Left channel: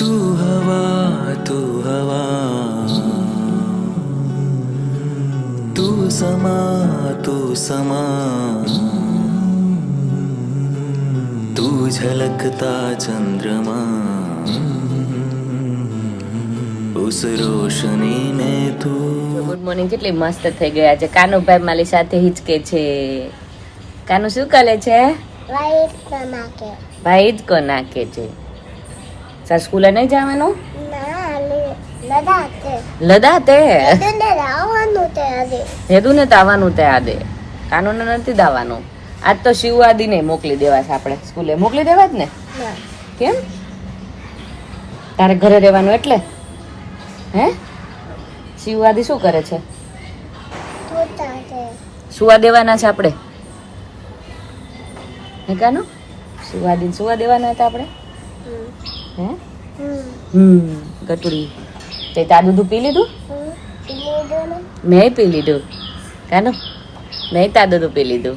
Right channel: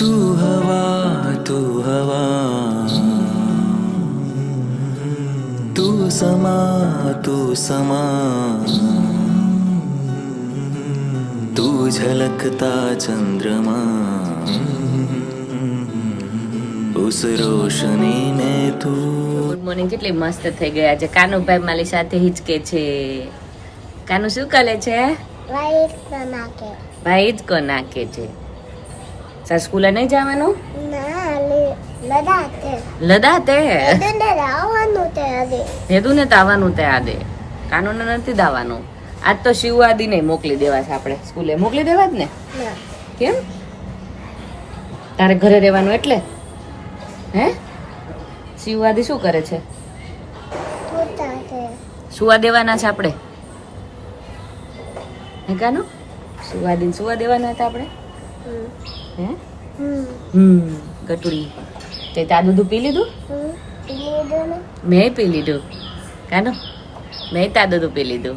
तू हवा तू हवा तू समा तू समा तू झलकता चंद्रमा उस रोशनी में तू ગુડ મોર્નિંગ. કેટલી મસ્ત થઈ ગયા છે. કાનુભાઈ મારી સાથે હિચકે છે. કાનુ શું કરે છે? ભાઈ હિચકો નાખે છે. સર સ્કૂલે નહીં જવાનું? લદાતે હેદુને તો આવવાનું તે આદે, કાનુને નથી દાવાનું. આજ તો શિવવાદી ને મોકલી દેવા છે. આપણે સ્કૂલે મોકલી દેવા જ ને. કેમ તારે ઘરે રહેવાનું એટલે? હે શિવવાદી શું કરે છે? સુવા દેવાના છે આપણે? હે કાનુ શિવવાદી સુવા દેવાના હતા આપણે? હે ગટુડી તે તા દૂધ પી લીધું? મેં પી લીધું. કાનુ મેં તા દૂધ પી લીધું.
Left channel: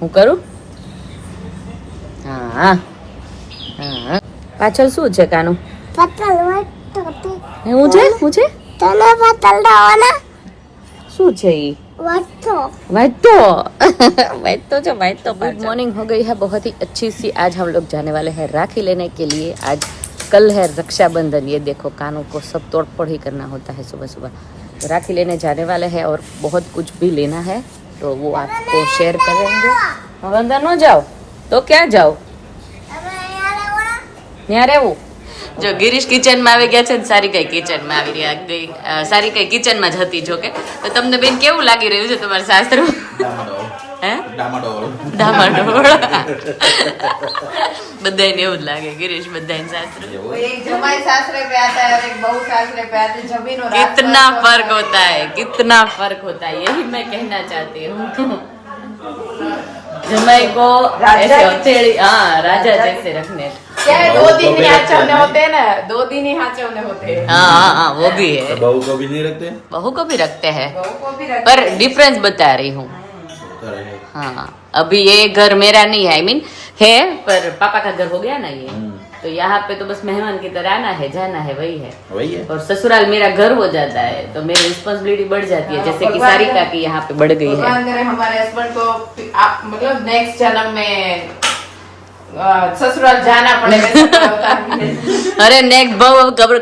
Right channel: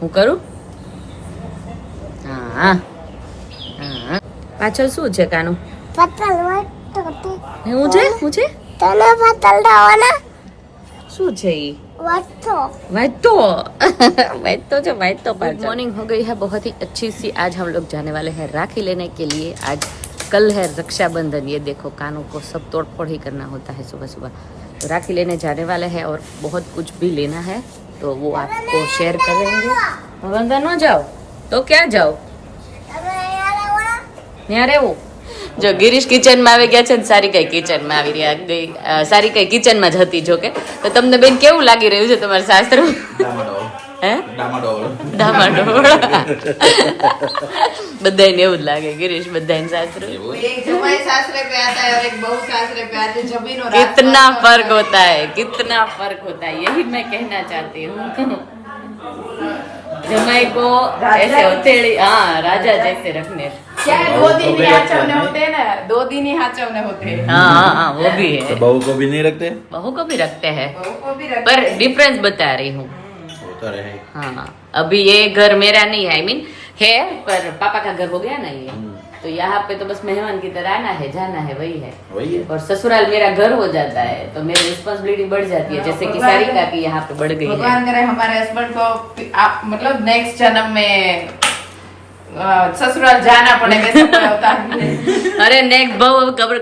હું કરું? હા હા. પાછળ શું છે કાનુ? હું છે હું છે શું છે ઈ? गुड मॉर्निंग हो गई है बहुत ही अच्छी सी. आज हम लोग जाने वाले हैं राखी लेने के लिए. आज कल है रक्षाबंधन. ये देखो कानों को सब तोड़ फोड़ ही करना होता है सुबह सुबह. तो राखी लेने जाने वाले हैं और बहुत कुछ भी लेना है तो वो आपको शेयर करेंगे. अब अंदर न जाओ तो क्या जाओ ત્યાં રહેવું. જો ગિરીશ કિચન માં આવી ગયા છે ને સારી કઈ કિચન માં આવી રહ્યા ગઈ. સારી કઈ કિચન માં જ હતી. જો કે તો તમને બેન કેવું લાગી રહ્યું છે તમારા સાસરું? હે ડામાડોળ બધાને એવું જ લાગે ગિરીશ. બધાને સાસરું कितना फर्क होता है, कितना फर्क होता है. यही मैं कहना चाहती हूँ. जमाई को ऐसे हथेली हाँ राजा जैसे रखने. क्या है 2 दिन ही हाचवने होते हैं ना, 2 दिन ही हाचवने होते हैं. हाँ वो भी है. बहू को भी नहीं रखते? बहू को भी रखते हैं बहू को भी रखते पर डिफरेंस बता रही हूँ. होता रहे. हाँ अभी ये घर मेरा नहीं है. आई मीन है पर पापा का घर हो गया ना ये. तो यहाँ पे तो बस मेहमान की तरह आना है जाना है वही है. वही है. और ससुराल मेरा घर हो जाता है तो मेरी रिस्पॉन्सिबिलिटी बढ़ जाती है. जैसे कि सारिका की यहाँ पे बढ़ गई है. भगवान करे हमारे हस्बैंड को मतलब नेक्स्ट जन्म में ससुराल जाना पड़े वैसा होता है. अरे नेक भाव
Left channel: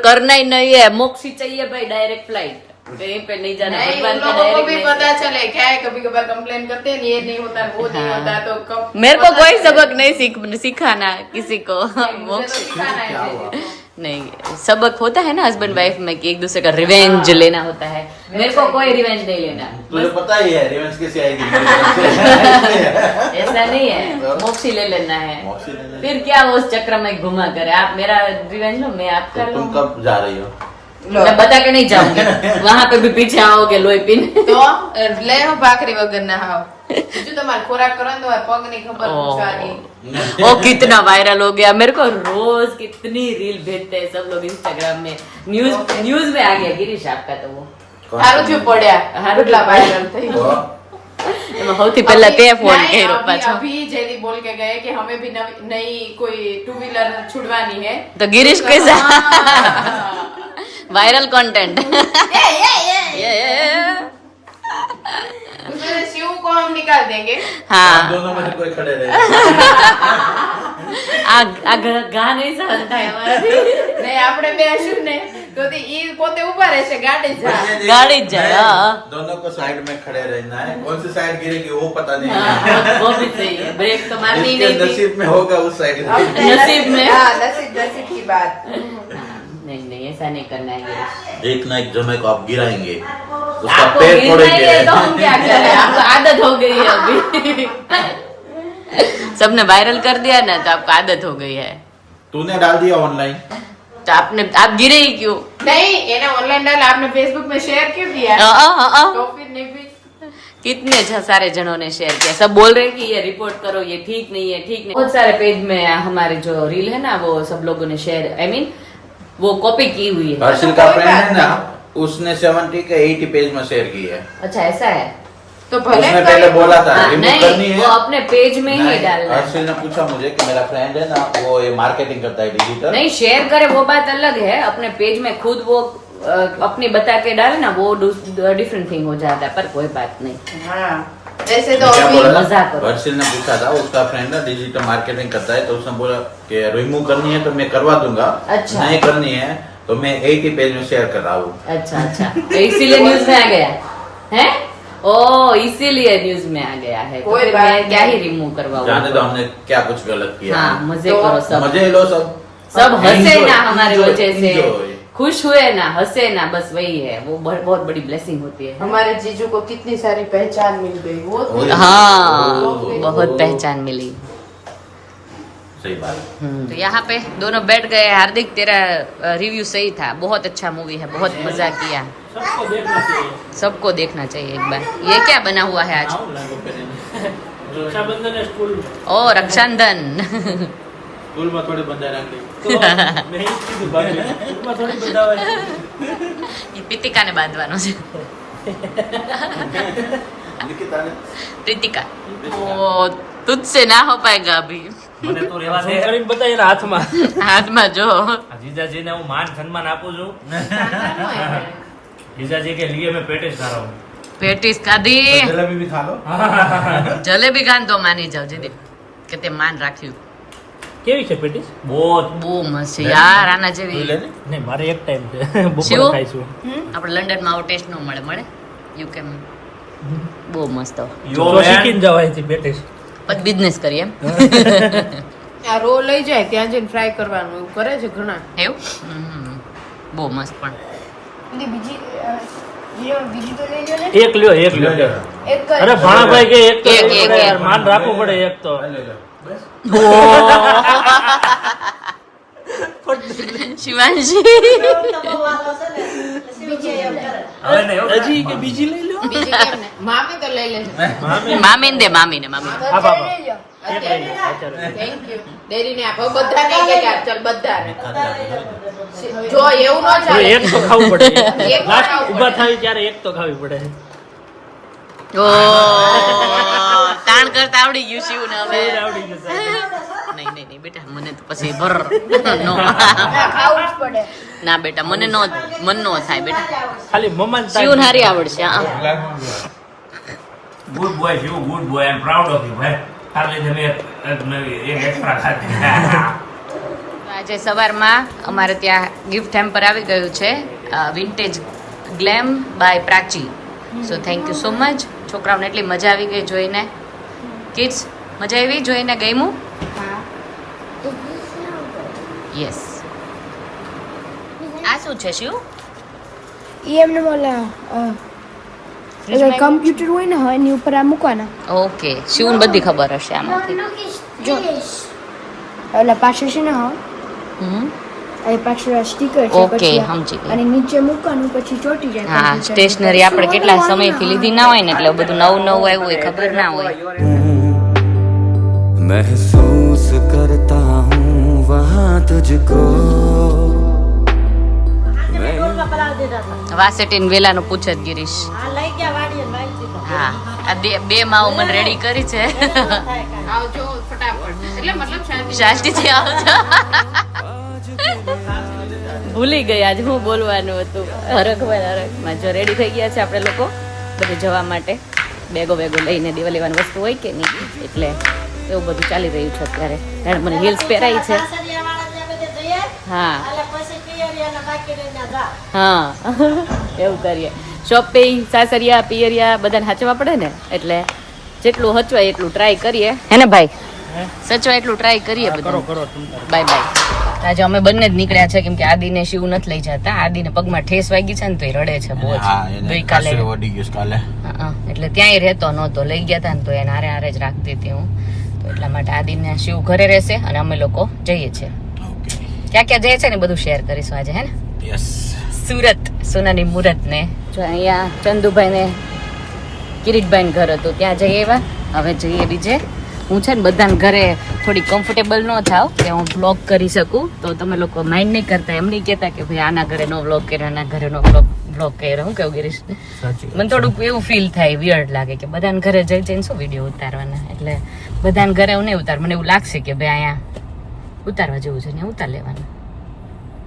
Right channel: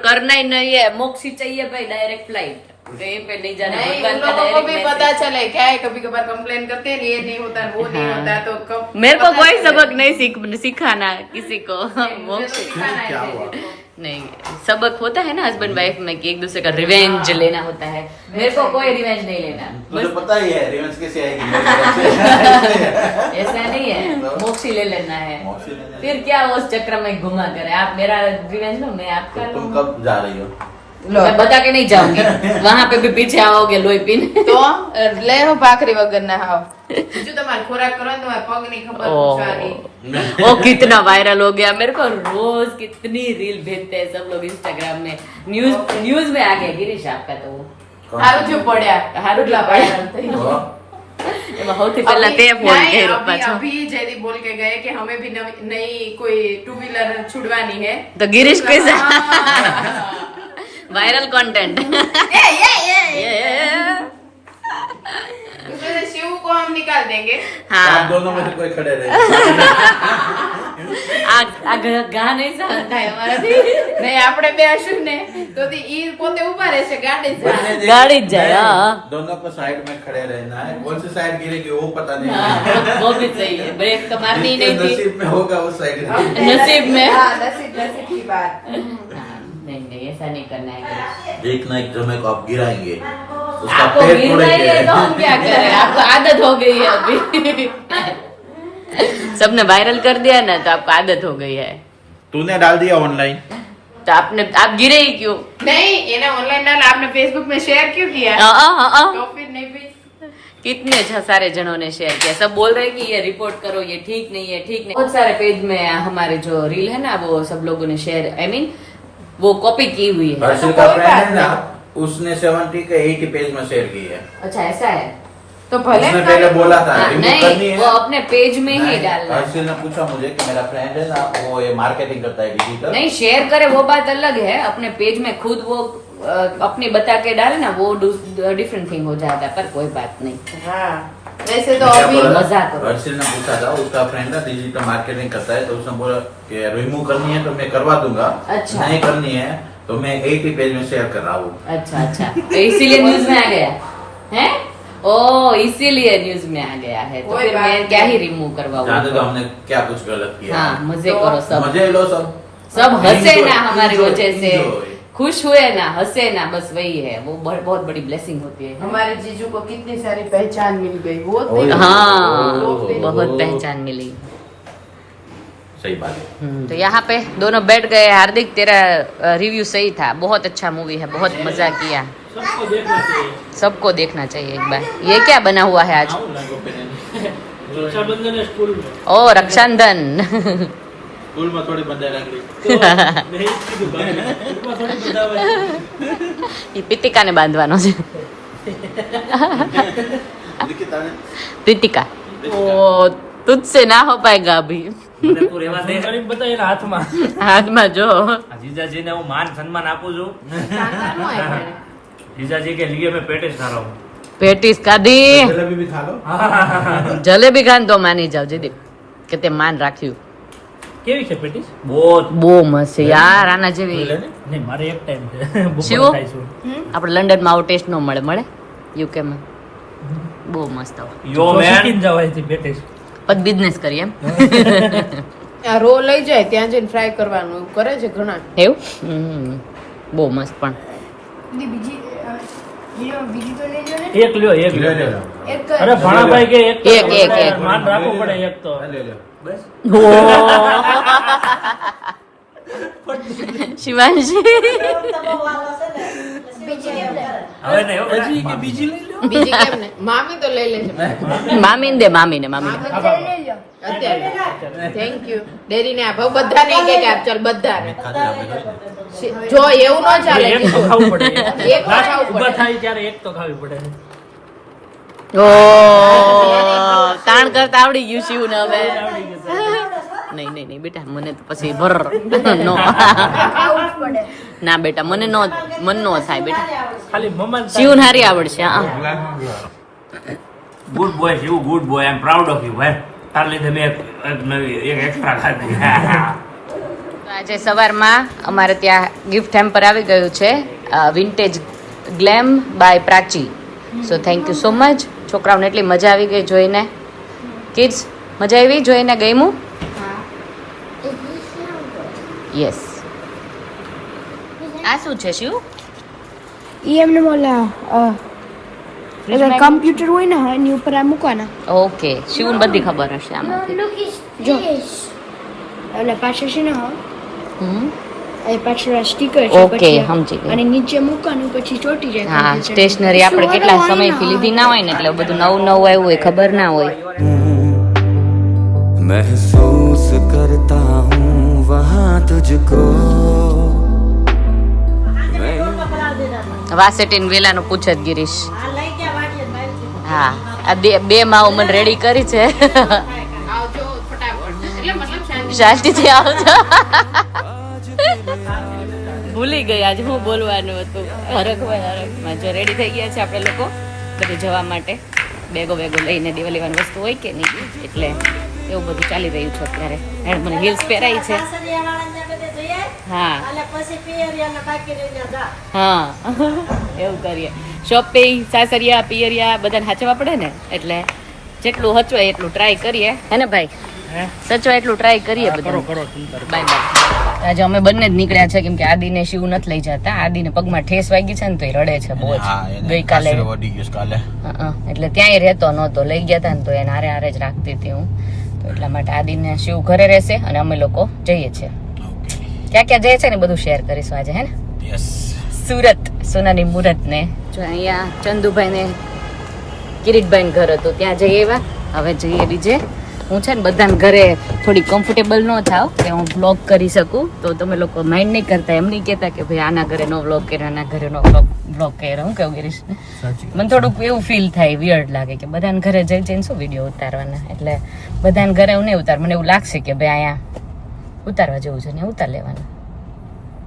करना ही नहीं है. मोक्षी चाहिए भाई डायरेक्ट फ्लाइट. कहीं पे नहीं जाना. नहीं, भगवान उन का लोगों को भी डायरेक्ट पता चले क्या है. कभी कभार कंप्लेन करते हैं ये नहीं होता वो नहीं होता तो कब मेरे को कोई सबक नहीं सिखाना किसी को. मोक्ष क्या हुआ? नहीं सबक होता है ना हस्बैंड वाइफ में कि एक दूसरे का रिवेंज लेना होता है. मेरे को कोई रिवेंज नहीं लेना. तुझे पता ही है रिवेंज कैसे आएगी. ऐसा नहीं है. मोक्षी ले लेना है. मोक्षी ले लेना. फिर क्या उस चक्र में घुमा करे. आप मेरा रिवेंज लो मैं आपका तो तुम लूं. कब जा रही हो? मैं बता के नहीं जाऊंगी. वहाँ पे भी पीछे आओगे लोही पीने. तो ले हो भाखरी वगैरह ना हो जो तुम्हारे खोराक करो तो पग नहीं खबर पूछानी. ओ कितना वायरल हो गया. मेरे को रोज कितनी रील भेजते हैं सब लोग इंस्टाग्राम में. न्यूज में आ गया गिरीश आपका. तो वो हारू जो पड्या हारू जो वायरल થઈ. तो એમાં સૌથી પહેલા તે ફોન કર્યો પાછો. अभी जयदीप बोल के गए कि हमें भी नई कोई 2 व्हीलर छुड़वानी है. तो गिरीश कैसा वायरल कंटेंट. उसमें से शिव को हम निकाल देंगे. हाँ दोनों में से कोई खड़े रहे. આ ઘા નહીં સહન થાય અમારાથી. નહીં આપણે બે હશું ને તો ઈ પોતે ઉભા રહેશે ગાડી જ જાય. ગાડી જ જાય. हाँ दोनों को साइड में खड़े रहना है. कौन सी साइड गिरेगी वो पता नहीं है. हाँ, वो भी सही है. ब्रेक तो मारनी ही जिसके नहीं थी. नसीब में होगा उस साइड. नसीब में. हाँ, नसीब की बात. नहीं ऐसा नहीं करना है गिरीश. एक ना एक जमे को आप गिराएंगे. उसका आपको पेट गिरना ही है तो फोड़ेंगे. हम क्या करें. आपको आदत हो गई है अभी. सबने वायरल कर दिया ना तो आपको आदत हो गई है. तूने डाल दिया ऑनलाइन. तो आप गिरे ही क्यों? नहीं ये ना ऑनलाइन डाल आपने फेसबुक में शेयर क्यों किया तो फिर नहीं भी. कितने सारे जनों ने शेयर किया. सब बोल रहे हैं कि ये रिपोर्ट करो ये ठीक नहीं है ठीक नहीं. बहुत सारे पेज में हमारे जो रील है ना वो सब लोगों ने शेयर आई मीन वो कॉपी की हुई है. हर्षिल का फ्रेंड है ना उसने 70 के 80 पेज में शेयर की है. अच्छा ऐसा है. तो भले उसने पहले बोला था हाँ, remove नहीं, करनी है। वो अपने पेज में ही नहीं, डालना है। हर्षिल ने पूछा मुझे कि मेरा फ्रेंड है ना, वो ये मार्केटिंग करता है डिजिटल। नहीं, शेयर करे वो बात अलग है, अपने पेज में खुद वो अपनी बता के डाले ना, वो डिफरेंट थिंग हो जाता है, पर कोई बात नहीं। हाँ जैसे तो क्या अभी बोला था? मजाक करो। हर्षिल ने पूछा था, उसका फ्रेंड ना डिजिटल मार्केटिंग करता है, तो उसने बोला कि रिमूव करनी है तो मैं करवा दूंगा, अच्छा। नहीं करनी है तो मैं एक ही पेज में शेयर कर रहा हूँ। अच्छा अच्छा, तो इसीलिए न्यूज में आ गया है। ओ इसीलिए न्यूज में आ गया है, तो कोई फिर बात मैं नहीं। क्या ही रिमूव करवाऊँ। जाने दो हमने क्या कुछ गलत किया। हाँ मजे तो करो सब, मजे लो सब। सब हंसे Enjoy, ना हमारे enjoy, वजह से, enjoy। खुश हुए ना, हंसे ना, बस वही है, वो बहुत बड़ी ब्लेसिंग होती है। हमारे जीजू को कितनी सारी पहचान मिल गई वो हाँ ओ, बहुत ओ, पहचान मिली। सही बात है। तो यहाँ पे दोनों बैठ गए। हार्दिक तेरा रिव्यू सही था, बहुत अच्छा मूवी है, बहुत मजा किया, सबको देखना चाहिए। सबको देखना चाहिए एक बार। ये क्या बना हुआ है आज? रक्षाबंधन है स्कूल में। ओ रक्षाबंधन। स्कूल में थोड़ी बंदा रंगली। तो मैं ही कीધું બાકી સ્કૂલમાં થોડી બંધાવે છે। ये पितिकाने बांधવાનો છે। लिखिता ने पितिका ओ तुझसे ना हो पाएगा अभी। મને તો રેવા દે કરીને બતાય એના હાથમાં। હાથમાં જો આ જીજાજીને હું માન સન્માન આપું છું। જીજાજી के लिए मैं पेटिस खा रहा हूँ। પેટીસ ખાધી, जलेबी भी खा लो। જલેબી ખાન તો માની જાવ જીદી કે તે માન રાખ્યું। કેવી છે પેટિસ? बहुत બહુ મસ્ત છે યાર, આના જેવી નહીં મારે એક ટાઈમ છે શિવ? બપોરે ખાઈશું। આપણે લંડનમાં આવો ટેસ્ટ નો મળે, મળે યુકેમાં બહુ મસ્ત। તો શીખીને જવાય છે પેટિસ। પછી બિઝનેસ કરીએ એમ રો લઈ જાય ત્યાં જઈને ફ્રાય કરવાનું એવું કરે છે ઘણા। એવું બહુ મસ્ત। પણ એક લ્યો એક લ્યો। એક અરે ભાણાભાઈ કે એક તો એક, એક, યાર, એક। માન રાખવું પડે એક તો। ઓ શિવાંશી હવે નહીં, હજી કે બીજી લઈ લો। બીજી કેમ ને મામી તો લઈ લેજો મામીને દે, મામીને, મામી હા બાબા અત્યારે થેન્ક યુ ડેરીને આપો બધા નહીં કે આપ ચાલ બધા જો એવું ન એ એક ચાલે તો ખાવું પડે। એક લાસ્ટ ખાવું ઊભા પડે. થાય ત્યારે એક તો ખાવી પડે। ઓ તાણ કરતા આવડી ગયું શિવ ને હવે। નહીં નહીં નહીં બેટા, મને તો પછી ભર નો ના બેટા, મને નો મન નો થાય બેટા, ખાલી મમ્મા શિવ હારી આવડશે। હા. Good boy Shiv, good boy, I am proud of you ભાઈ। તાર લીધે મેં એક નવી એક એક્સ્ટ્રા ખાધી। તો આજે સવારમાં અમારે ત્યાં ગિફ્ટ હેમ્પર આવી ગયું છે, vintage glam by Prachi. So thank you so much. છોકરાઓને એટલી મજા આવી ગઈ જોઈને। કિડ્સ મજા આવી જોઈને? ગમ્યું? યસ। આ શું છે શિવ? ઈ એમને ઓલા કમ્પ્યુટર હોય ને એની ઉપર આ મૂકવાના, ઓકે, શિવને બધી ખબર હશે આમાંથી। જો એટલે પાછળ છે ને હા હમ એટલે પાછળ આ સ્ટીકર છે, ઓકે, પછી સમજી ગઈ। અને નીચે મૂકવાનું પછી ચોટી જાય હા, computer. સ્ટેશનરી આપણે કેટલા સમયથી લીધી ના હોય ને, એટલે બધું નવું નવું આવ્યું હોય, ખબર ના હોય। महसूस करता हूँ वहाँ तुझको। વાસેટીન વેલાનું પૂછે જ ગિરીશ। હા, આ બે માઓ મને રેડી કરી છે। આવજો ફટાફટ એટલે મતલબ શાંતિ શાંતિથી આવજો। ભૂલી ગઈ આજે હું બોલવાનું હતું। હરખમાં જો રેડી થઈ ગયા છે આપણે લોકો બધે જવા માટે। બેગો લઈને લેવાની વસ્તુ હોય કે નહીં, એટલે એવું બધું ચાલી રહ્યું છે અત્યારે। હેડ મને હિલ્સ પહેરાઈ છે। હા હા એવું કરીએ। શોપિંગ, સાસરિયા, પિયરિયા બધાને સાચવવા પડે ને, એટલે જેટલું હચવાય એટલું ટ્રાય કરીએ, હે ને ભાઈ? સચવાય એટલું ટ્રાય કરીએ કરો બધા। કરો તમ તાર। Bye bye. આજે અમે બંને જ નીકળ્યા છે, કેમ કે આદિને શિવ નથી લઈ જતા। આદિને પગમાં ઠેસ વાગી છે ને તો એ રડે છે બહુ જ ગઈકાલે। હા, એટલે ત્યાંય રહેતો નહોતો, લઈ ગયા હતા ને તો એને હારે જ રાખતી હતી હું। તો એટલા માટે આદિને શિવ ઘરે રહેશે અને અમે લોકો જઈએ છીએ। ક્યાં ક્યાં જઈએ છે ને બધું શેર કરીશું આજે, હે ને? સુરત, સોનાની મુહૂર્ત ને જો અહીંયા ચંદુભાઈ ને કિરીટભાઈ ઘર હતું, ત્યાં જઈએ એવા। હવે જઈએ બીજે હું છે ને બધાને ઘરે થોડી કમ્ફર્ટેબલ ન થાવ કે હું વ્લોગ કરી શકું, તો તમે લોકો માઇન્ડ નહીં કરતા, એમ નહીં કહેતા કે ભાઈ આના ઘરે નો વ્લોગ કર્યો, આના ઘરે નો વ્લોગ કર્યો. હું કેવું ગિરીશ, મને થોડુંક એવું ફીલ થાય, વિયર્ડ લાગે કે બધાને ઘરે જઈને શું વિડીયો ઉતારવાના, એટલે બધાને ઘરે હું નહીં ઉતાર, મને એવું લાગશે કે ભાઈ અહીંયા ઉતારવા જેવું છે ને ઉતાર લેવાનું.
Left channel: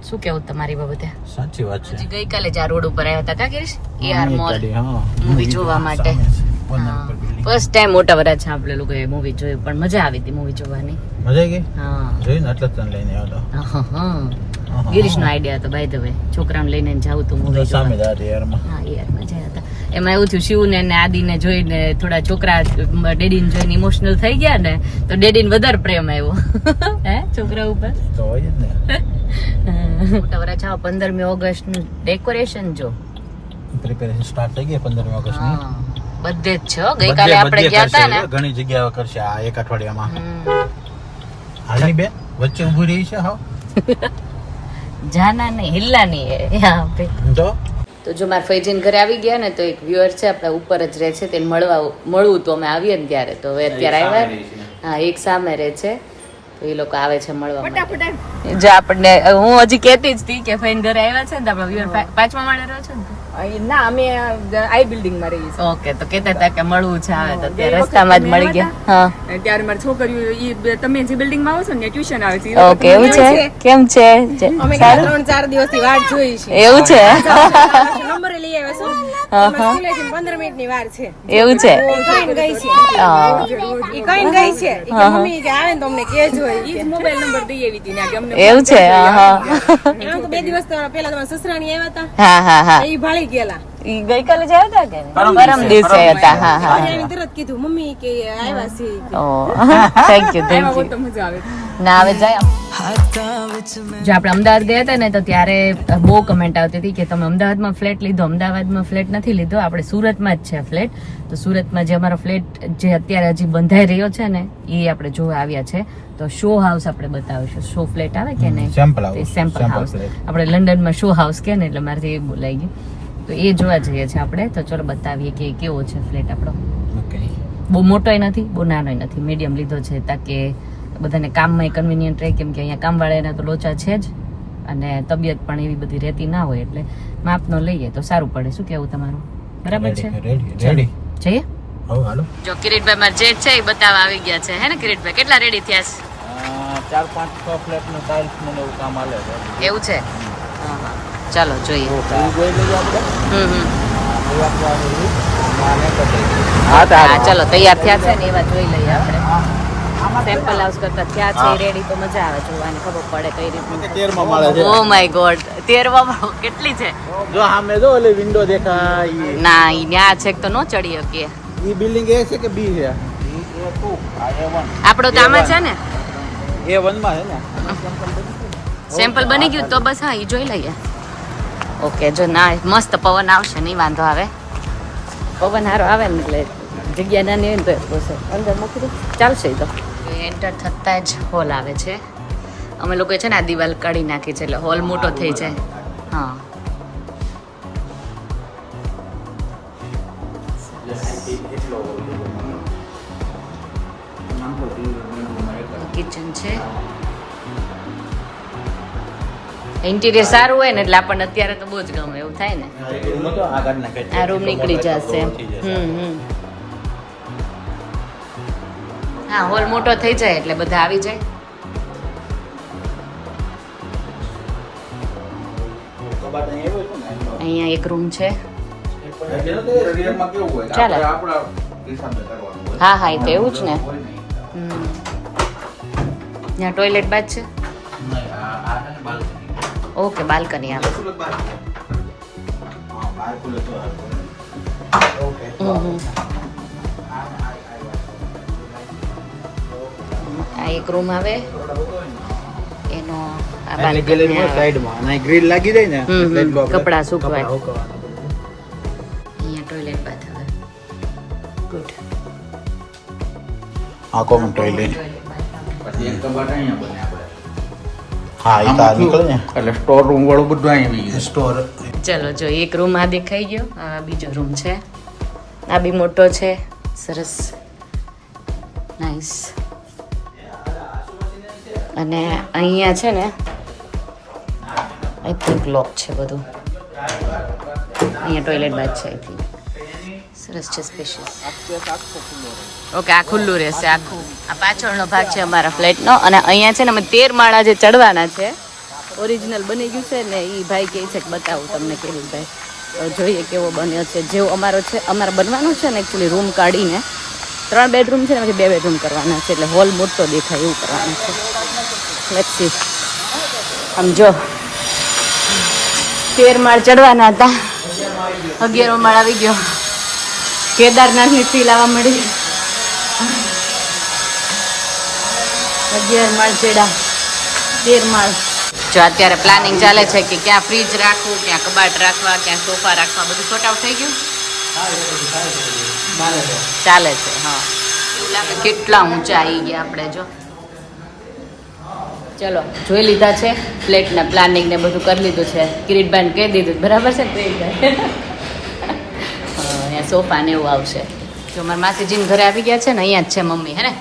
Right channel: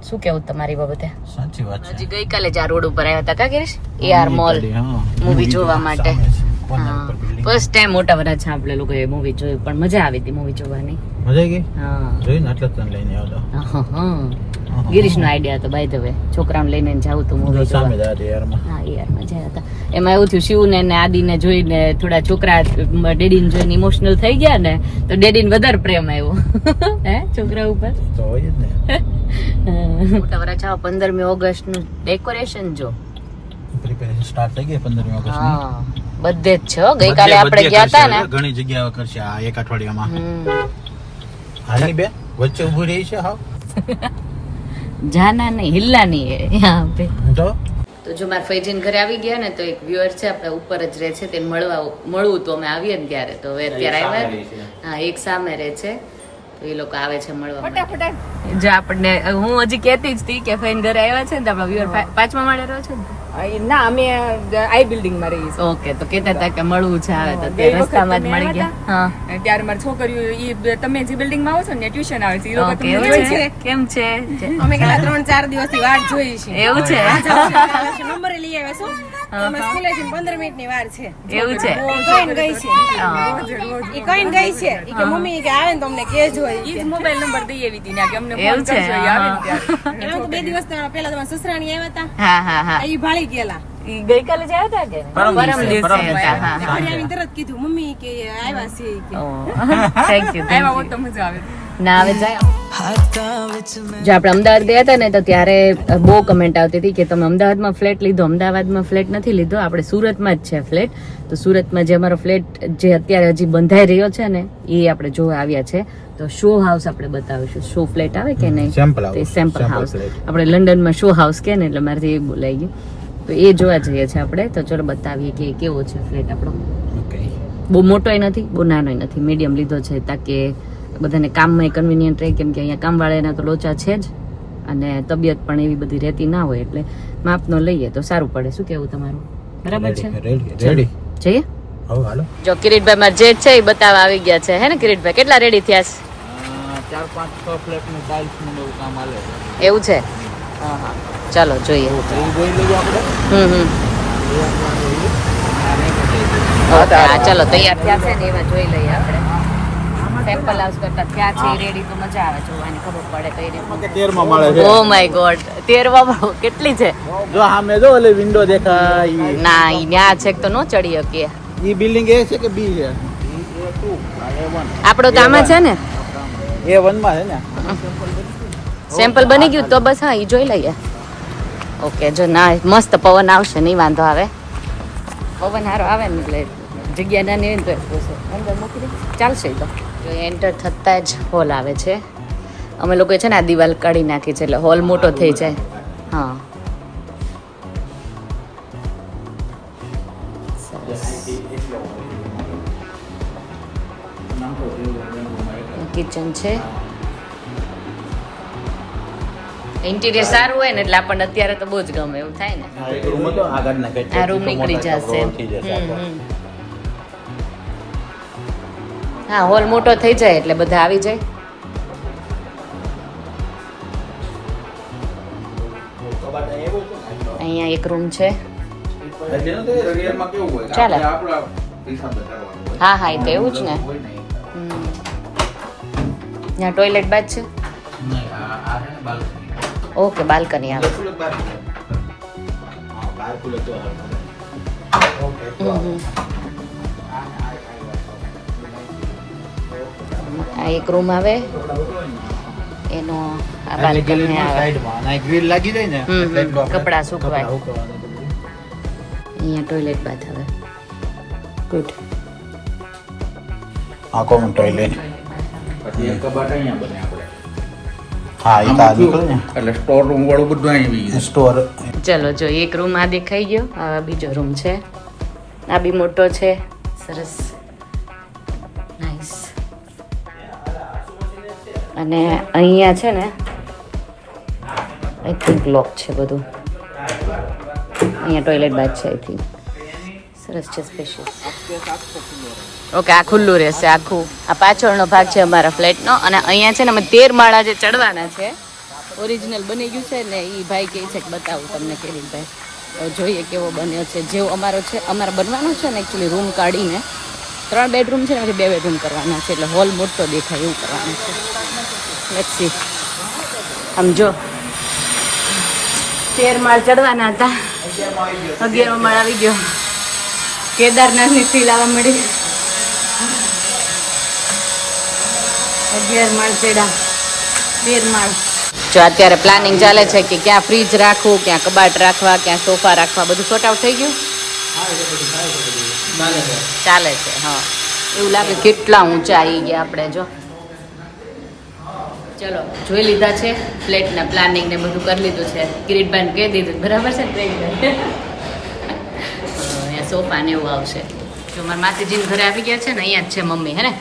શું કેવું તમારી બાબતે? સાચી વાત છે. હજી ગઈકાલે જ આ રોડ ઉપર આવ્યા હતા ગિરીશ, AR મોલ મૂવી જોવા માટે. હા, ફર્સ્ટ ટાઈમ મોટા વરાછા આપણે લોકોએ મૂવી જોયું, પણ મજા આવી હતી મૂવી જોવાની. મજા આવી ગઈ? હા, જોઈને એટલે તને લઈને આવ્યો. ગિરીશ નો આઈડિયા હતો બાય ધ વે, છોકરાને લઈને જવું તું મૂવી જોવા. હા યાર, મજા હતા. એમાં એવું થયું, શિવ ને આદિને જોઈને થોડા છોકરા ડેડીને જોઈને ઇમોશનલ થઈ ગયા ને, તો ડેડીને વધારે પ્રેમ આવ્યો હે છોકરા ઉપર. તો હોય જ ને. મોટા વરાછા 15મી ઓગસ્ટ નું ડેકોરેશન જો પ્રિપેરેશન સ્ટાર્ટ થઈ ગઈ 15મી ઓગસ્ટ ની. હા, બધે જ છે. ગઈકાલે આપણે ગયા હતા ને, ઘણી જગ્યાઓ કરશે આ એક અઠવાડિયામાં. હાલની બે વચ્ચે ઊભી રહી છે. હા, જાના નહીં હિલ્લા નહીં હે યહાં પે. તો જો મારા ફૈજીન ઘરે આવી ગયા ને, તો એક વ્યુઅર છે આપણા ઉપર જ રહે છે, તેને મળવું તો અમે આવીએ ને ત્યારે, તો હવે અત્યારે આવ્યા. હા, એક સામે રહે છે, તો એ લોકો આવે છે મળવા માટે. જો આપણને હું હજી કહેતી જ હતી કે ફૈન ઘરે આવ્યા છે ને, તો આપણા વ્યુઅર 5મા માળે રહે છે ને. ના, અમે આઈ બિલ્ડિંગ માં રહીએ છીએ. ઓકે, તો કહેતા હતા કે મળવું છે, આવે તો ત્યારે રસ્તામાં જ મળી ગયા. હા, ત્યારે મારી છોકરીઓ તમે જે બિલ્ડિંગ માં આવો છો ને ટ્યુશન આવે છે. ઓકે, એવું છે. કેમ છે? અમે 3-4 દિવસથી વાટ જોઈ છે. એવું છે. નંબર લઈ આવ્યા છો. સ્કૂલે 15 મિનિટની વાર છે. એવું છે. કઈ ગઈ છે. ઈ કઈ ગઈ છે. ઈ કે મમ્મી કે આવે ને તમને કહેજો. ઈ મોબાઈલ નંબર દઈ આવી હતી ને કે અમને. એવું છે. હા, એમ તો 2 દિવસ પહેલા તમારા સસરાણી આવ્યા હતા. હા, હા, હા. ઈ ભાળી ગયેલા. ઈ ગઈકાલે જ આવ્યા હતા કે પરમ દિવસે હતા? હા, હા. આવીને તરત કીધું મમ્મી કે આવ્યા છે. ઓ, થેન્ક યુ, થેન્ક યુ. તો મજા આવે. ના આવે જાય. જો આપણે અમદાવાદ ગયા હતા ને, તો ત્યારે બહુ કમેન્ટ આવતી હતી કે તમે અમદાવાદમાં ફ્લેટ લીધો. અમદાવાદમાં ફ્લેટ નથી લીધો, આપણે સુરતમાં જ છે ફ્લેટ. તો સુરતમાં જે અમારો ફ્લેટ જે અત્યારે હજી બંધાઈ રહ્યો છે ને, એ આપણે જોવા આવ્યા છે. તો શો હાઉસ આપણે બતાવીશું. શો ફ્લેટ આવે કે નહીં, સેમ્પલ હાઉસ. આપણે લંડનમાં શો હાઉસ કે ને, એટલે મારાથી એ બોલાઈ ગયું. તો એ જોવા જઈએ છીએ આપણે. તો ચલો બતાવીએ કે કેવો છે ફ્લેટ આપણો. બહુ મોટોય નથી, બહુ નાનોય નથી, મીડિયમ લીધો છે, તાકે બધાને કામમાં કન્વિનિયન્ટ રહે, કેમ કે અહીંયા કામવાળાના તો લોચા છે જ, અને તબિયત પણ એવી બધી રહેતી ના હોય, એટલે માપનો લઈએ તો સારું પડે. શું કેવું તમારું? બરાબર છે? રેડી જઈએ. જો કિરીટભાઈ મારા જે છે એ બતાવવા આવી ગયા છે, હે ને કિરીટભાઈ? કેટલા રેડી થયા છે? 4-5-6 ફ્લેટ નું ટાઇલ્સ મને એવું કામ આલે છે. એવું છે? હા, હા, ચાલો જોઈએ. ઓકે, હા, ચાલો તૈયાર થયા છે ને એવા જોઈ લઈએ આપણે. સેમ્પલ હાઉસ કરતા થયા છે રેડી, તો મજા આવે જોવાની, ખબર પડે કઈ રીતે. 13મા માળે છે. ઓ માય ગોડ, 13મા કેટલી છે? જો સામે જો ઓલે વિન્ડો દેખાય. ના, ઈ ન્યા છે તો નો ચડી શકીએ. ઈ બિલ્ડિંગ એ છે કે બી છે? આપણો તો આમાં છે ને, A1 માં છે ને. સેમ્પલ બની ગયું તો બસ. હા, ઈ જોઈ લઈએ. ઓકે, જો ના મસ્ત પવન આવશે, નહીં વાંધો આવે. પવન હારો આવે ને એટલે જગ્યા નાની હોય ને તો અંદર મૂકી દે, ચાલશે. તો એન્ટર થતા જ હોલ આવે છે. અમે લોકો છે ને આ દિવાલ કાઢી નાખી છે, એટલે હોલ મોટો થઈ જાય. હા, કિચન છે. ઇન્ટિરિયર સારું હોય ને એટલે આપણને અત્યારે તો બહુ જ ગમે એવું થાય ને. આ રૂમ નીકળી જશે. હા, હોલ મોટો થઈ જાય એટલે બધા આવી જાય. અહીંયા એક રૂમ છે. ચાલો. હા, હા, એ તો એવું જ ને. ત્યાં ટોયલેટ બાદ છે. ઓકે, બાલ્કની આવે. આ એક રૂમ આવે, એનો આ બાલ્કની આવે. સાઈડમાં ના ગ્રીલ લાગી જાય ને એટલે એટલું આપણે કપડા સુકવાય. અહીંયા ટોયલેટ બાથ આવે. ગુડ. આ કોમન ટોયલેટ. પછી એક કબાટ અહીંયા બને આપણે. હા, ઈ કા નીકળે ને એટલે સ્ટોર રૂમ વાળું બધું અહીં સ્ટોર. ચલો, જો એક રૂમ આ દેખાઈ ગયો. આ બીજો રૂમ છે. આ બી મોટો છે, સરસ, નાઈસ. અને અહીંયા છે ને આઈ થિંક લોક છે બધું. અહીંયા ટોયલેટ બાદ છે આઈ થિંક. સરસ છે સ્પેશિયસ. ઓકે આ ખુલ્લું રહેશે આખું. આ પાછળનો ભાગ છે અમારા ફ્લેટનો અને અહીંયા છે ને અમે 13 માળા જે ચડવાના છે. ઓરિજિનલ બની ગયું છે ને એ ભાઈ કહે છે કે બતાવું તમને કેવું ભાઈ. જોઈએ કેવો બન્યો છે. જેવો અમારો છે અમારે બનવાનું છે ને એકચ્યુઅલી રૂમ કાઢીને 3 બેડરૂમ છે ને 2 બેડરૂમ કરવાના છે એટલે હોલ મોટો દેખાય એવું કરવાનું છે. Let's see. આમ જો 13 માળ ચડવાના હતા 11 માળ આવી ગયો. કેદારનાથની ફીલ આવવા મળી. 11 માળ ચડ્યા 13 માળ. જો અત્યારે પ્લાનિંગ ચાલે છે કે ક્યાં ફ્રીજ રાખવું, ક્યાં કબાટ રાખવા, ક્યાં સોફા રાખવા, બધું સોર્ટ આઉટ થઈ ગયું ચાલે છે. હા એવું લાગે કેટલા ઊંચા આવી ગયા આપણે. જો ચલો જોઈ લીધા છે ફ્લેટના પ્લાનિંગ ને બધું કરી લીધું છે. કિરીટભાઈને કહી દીધું બરાબર છે ને કિરીટભાઈ. અહીંયા સોફા ને એવું આવશે. જો મારા માસીજીને ઘરે આવી ગયા છે ને અહીંયા જ છે મમ્મી હે ને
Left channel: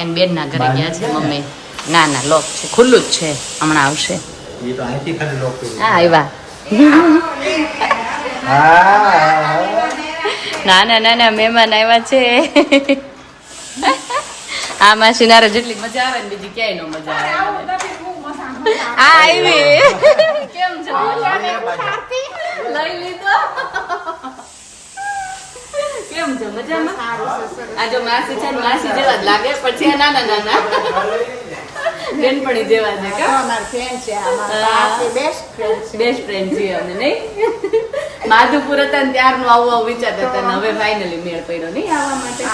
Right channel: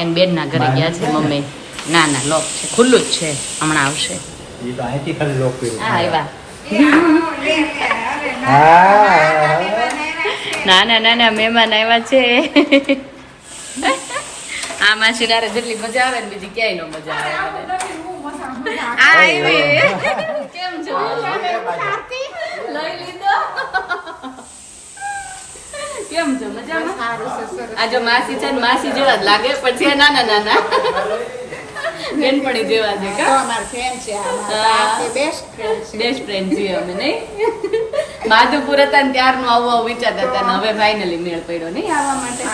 એને બેનના ઘરે ગયા છે મમ્મી. ના ના લોક છે ખુલ્લું જ છે હમણાં આવશે. હા આવ્યા. નાના નાના મહેમાન આવ્યા છે. આ માસી નારે જેટલી મજા આવે ને બીજી ક્યાંય નો મજા આવે. આ આવી કેમ છો લઈ લીધો કેમ છો મજામાં. આ જો માસી છે ને માસી જેવા જ લાગે પણ છે નાના નાના બેનપણી જેવા છે બેસ્ટ ફ્રેન્ડ છીએ અમે નહીં. માધુપુર હતા ને ત્યારનું આવું આવું વિચારતા હતા ને હવે ફાઇનલી મેળ પડ્યો નહીં આવવા માટે.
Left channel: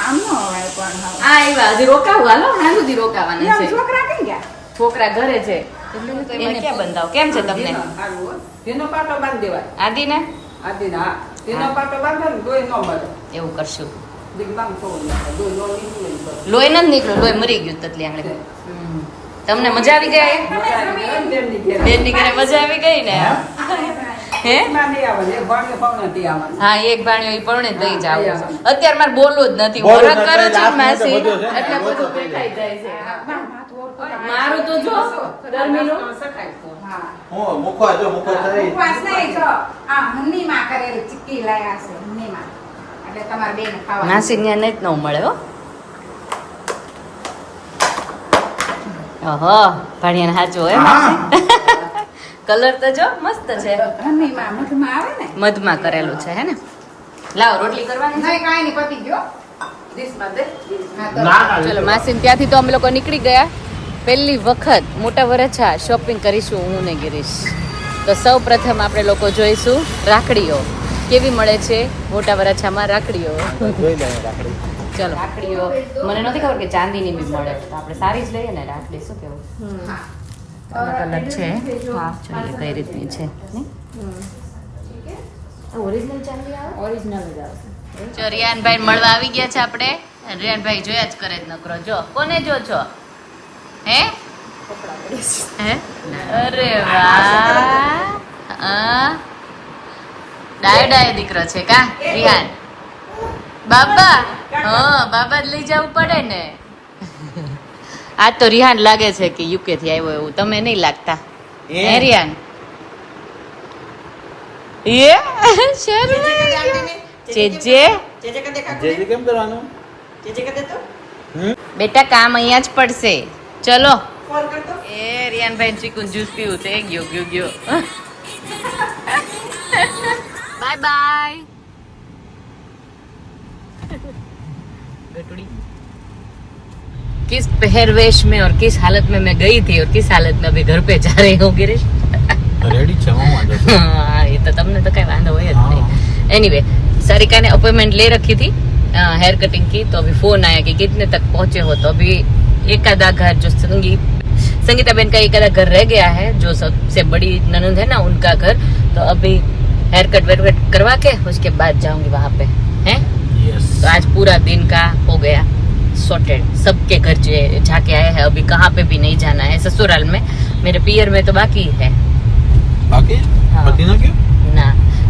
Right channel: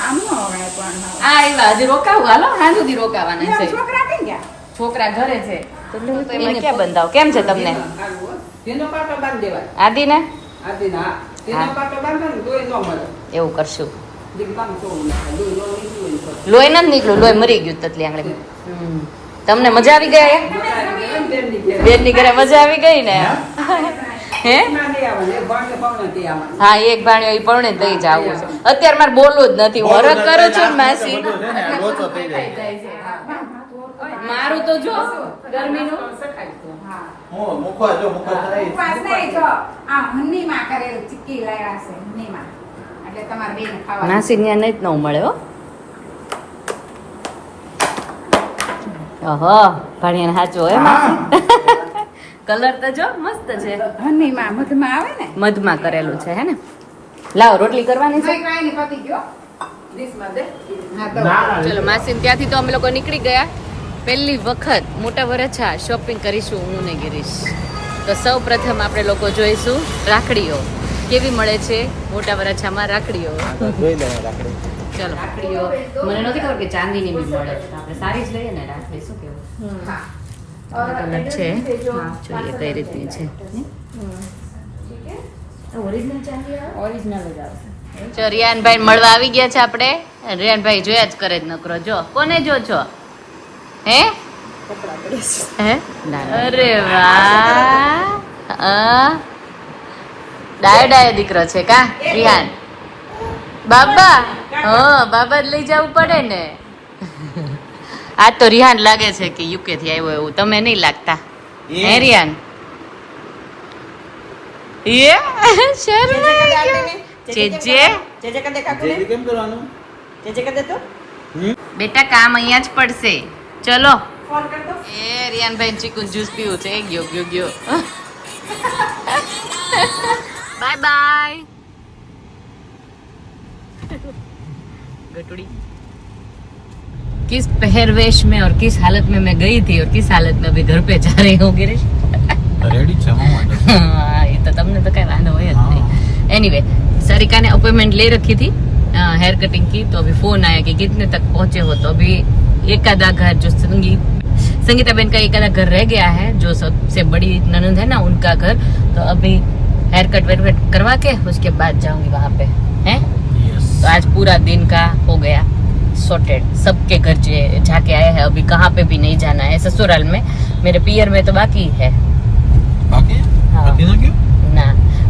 હા આવ્યા હજી રોકાવું હાલો હા સુધી રોકાવાના છે. છોકરા ઘરે છે એને ક્યાં બંધાવ. કેમ છે તમને આદિ ને એવું કરશું. લોહી નથી નીકળ્યું લોહી મરી ગયું તતલી આંગળી. તમને મજા આવી ગઈ બેન ની ઘરે મજા આવી ગઈ ને હે હા એક ભાણિયો ઈ પરણે દઈ જાવ. અત્યારે મારે બોલવું જ નથી હું હરક કરું છું માસી એટલે બધું દેખાઈ જાય છે. મારું તો જો ગરમીનું માસી ત્યાં નહીં જ ન મળે હો. ઓહો ભાણિયાને સાચું હોય માસી. કલર તો જો મસ્ત છે મધમાં કરેલું છે હે ને. લાવ રોટલી કરવાની છે. ચલો માસી ત્યાંથી તો અમે લોકો નીકળી ગયા. પહેલી વખત મોટા વરછા શોપિંગ કરીશું હું ને ગિરીશ. તો સૌ પ્રથમ આપણે લોકો જોઈશું રાખડીઓ કેવી મળે છે મોટા વરછામાં રાખડીઓ. ચલો રાખડીઓ મને નથી ખબર કે ચાંદીની બી મળે તો આપણે સારી જ લઈએ ને રાખડી. શું કેવું છે જોઈએ કઈ રીતની છે. ઓરિજિનલ ચાંદી આવે ઓરિજિનલ જ આવશે. જો રિયાનભાઈ મળવા આવી ગયા છે આપણે. રિયાનભાઈ જોયા જ કરે જ નકરો. જો કોને જો છો હે હે અરે વાહ ડાયો ડાયો દીકરો છે કા રિહાન. બાબા હા બાબા જ લઈ જવું પડે ને. આ તો રિહાન લાગે છે કે યુકે થી આવ્યો એવું. તમે નહીં લાગતા હે રિહાન. એ શર્માઈ ગયો. ચેજે કેમ કરવાનું બેટા કામ અહીંયા જ પડશે. ચલો એ રિયાનભાઈ ચીકુ જ્યુસ પીવું છે. ગયો ગયો ગયો बाय बाय गटुड़ी. किस पहरवेश में और किस हालत में मैं गई थी और किस हालत में अभी घर पे जा रही हूँ गिरीश. રેડી છે हाँ ये तो तुमने तो कहीं वादा हुआ नहीं. एनीवे सारिका ने अपॉइंटमेंट ले रखी थी हेयर कटिंग की. तो अभी फोन आया कि कितने तक पहुंचे हो. तो अभी एक आधा घर जो संगीता बहन का एक आधा घर रह गया है जो सबसे बड़ी ननंद है ना उनका घर. तो अभी हेयर कट वेयर कट करवा के उसके बाद जाऊंगी वहाँ पे हैं. तो आज पूरा दिन का हो गया सॉर्टेड. सबके घर जाके आए हैं. अभी कहाँ पे भी नहीं जाना है. ससुराल में मेरे पियर में तो बाकी है. बाकी हाँ. पति ना क्यों ना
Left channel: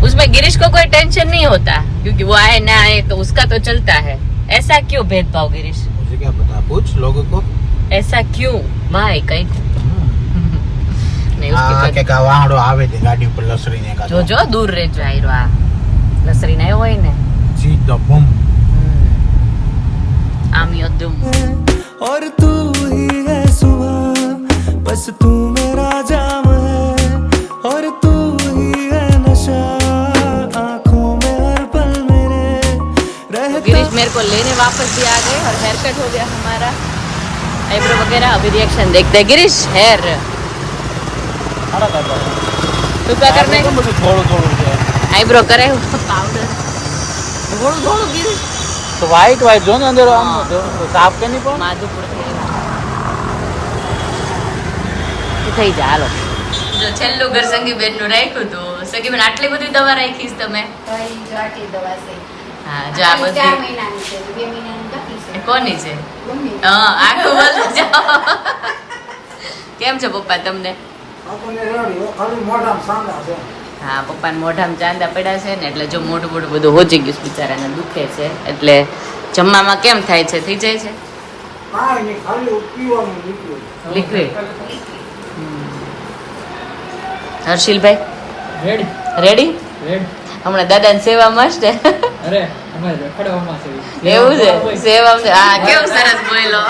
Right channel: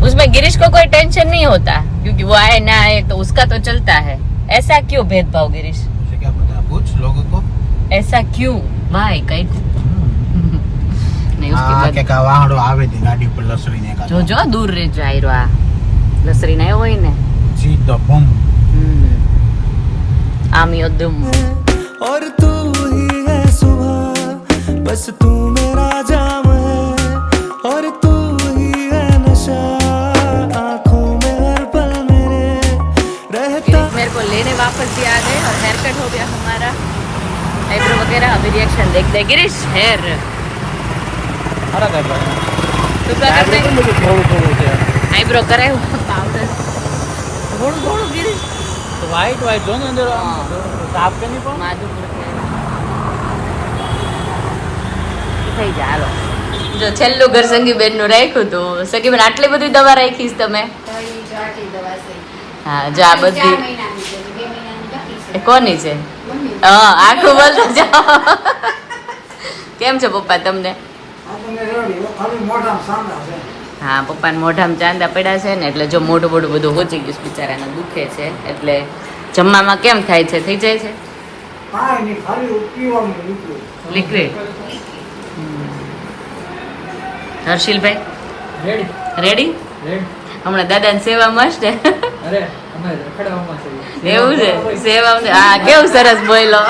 उसमें गिरीश को कोई टेंशन नहीं होता क्योंकि वो आए ना आए तो उसका तो चलता है. ऐसा क्यों भेदभाव गिरीश. मुझे क्या पता पूछ लोगों को. ऐसा क्यों भाई कहीं नहीं उसके बाद કે વાહડો આવે છે ગાડી ઉપર લસરીને જો જો દૂર રે જાયરો આ લસરી ના હોય ને સીધો બમ આમિયો દુમ और तू ही है सुबह बस तू मेरा जाम है और तू ही है नशा आँखों में हर पल मेरे रहता गिरीश मेरे को लेने वापस भी आ गए और हेयर कट हो गया हमारा आईब्रो वगैरह अभी रिएक्शन देखते हैं गिरीश हेयर અરે દાદા तो क्या करने તો બધું થોડું થોડું છે आईब्रो करे पाउडर થોડું થોડું गिरीश તો વ્હાઈટ વ્હાઈટ જો ને અંદર સાફ કે નહીં પણ માધુપુર થઈ જાય હાલો જો છેલ્લું ઘર સંગી બેન નું રાખ્યું તો સગી બેન આટલી બધી દવા રાખીશ તમે હા જો આ બધી કોની છે હા આખું બોલતો જાઓ કેમ છે પપ્પા તમને હા પપ્પાને મોઢામાં ચાંદા પડ્યા છે ને એટલે જો મોઢું મોઢું બધું હોજી ગયું છે બિચારાને દુખે છે એટલે જમવામાં કેમ થાય છે થઈ જાય છે લિક્વિડ હર્ષિલભાઈ રેડી હમણાં દાદાની સેવા મસ્ત એવું છે સેવા હા કેવું સરસ બોલો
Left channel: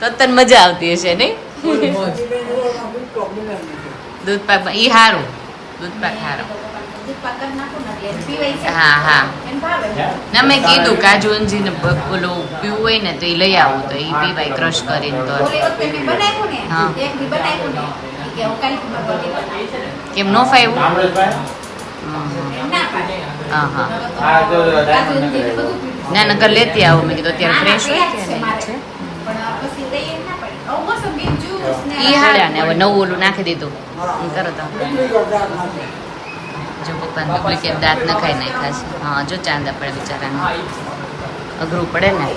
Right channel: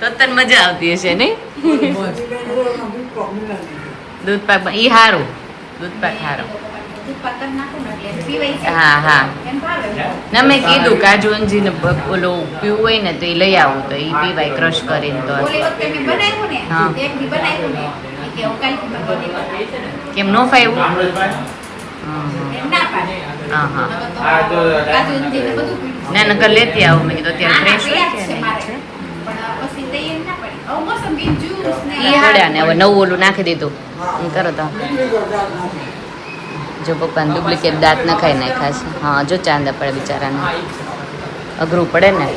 તો તને મજા આવતી હશે નહીં દૂધ પાક ઈ હારું દૂધ પાક હારો હા હા ના મેં કીધું કાજુ અંજી ને ઓલું પીવું હોય ને તો એ લઈ આવું તો એ પીવાય ક્રશ કરીને તો હા કેમ નો ફાવ્યું હા હા ના નકર લેતી આવું મેં કીધું અત્યારે ફ્રેશ હોય કે પડ્યા ને હવે નવું ઓલું નાખી દીધું કરો તો જો પપ્પાને ડુપ્લિકેટ દાંત નખાઈ નાખ્યા છે હા જો ચાંદા પડે બિચારાને અઘરું પડે ને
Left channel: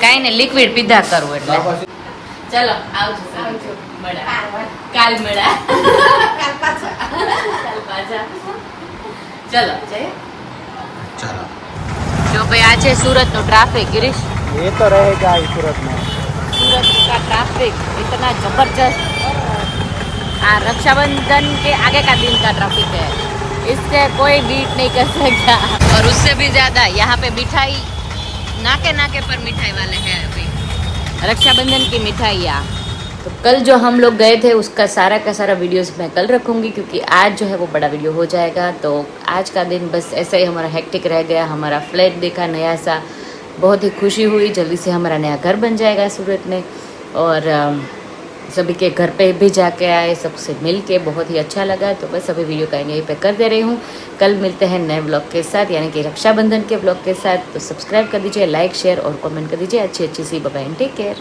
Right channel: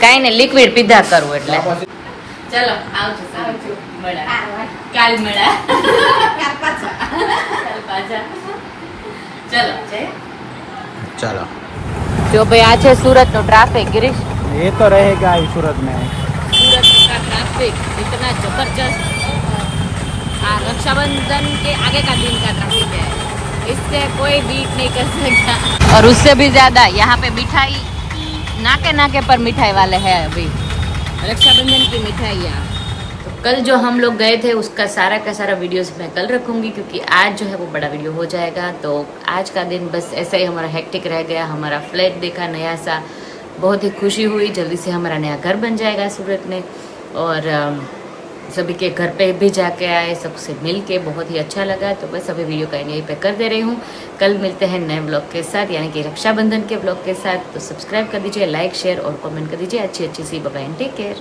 કાંઈ ને લિક્વિડ પીધા કરવું એટલે ચલો આવજો કાલ મળા ચલો ચાલો જો ભાઈ આ છે સુરત નો ટ્રાફિક गिरीश એ તો रहेगा सूरत का ट्रैफिक इतना जबरदस्त हाँ रक्षाबंधन के आगे का दिन का ट्रैफिक है इससे कोई बीट नहीं कर सकता और उससे भी ज्यादा यहाँ पे मिठाई नाके नाके पर मिठाई वाले हैं अभी रक्षाबंधन की मिठाइयाँ तो कल जो हम लोग गए थे उसका सारा का सारा वीडियोस मैं कल रखूंगी क्योंकि आज जो है वो बड़ा वीडियो हो जाएगा तो आज का दिन बस ऐसा ही हमारा हेक्टिक रह गया हमारा फ्लैट देखा नया सा बहुत ही खुशी हुई जल्दी से हमारा नया घर बन जाएगा सूरत में और सभी के घर पे भी जाके आए सबसे मिल के बहुत ही अच्छा लगा तो बस अभी वीडियो का यहीं पे कर दे रही हूँ कल मिलते हैं नए व्लॉग के साथ यानी कि रक्षाबंधन के व्लॉग के साथ तो सब्सक्राइब कर दीजिए लाइक शेयर और कमेंट कर दीजिए अच्छी अच्छी सी बाय बाय टेक केयर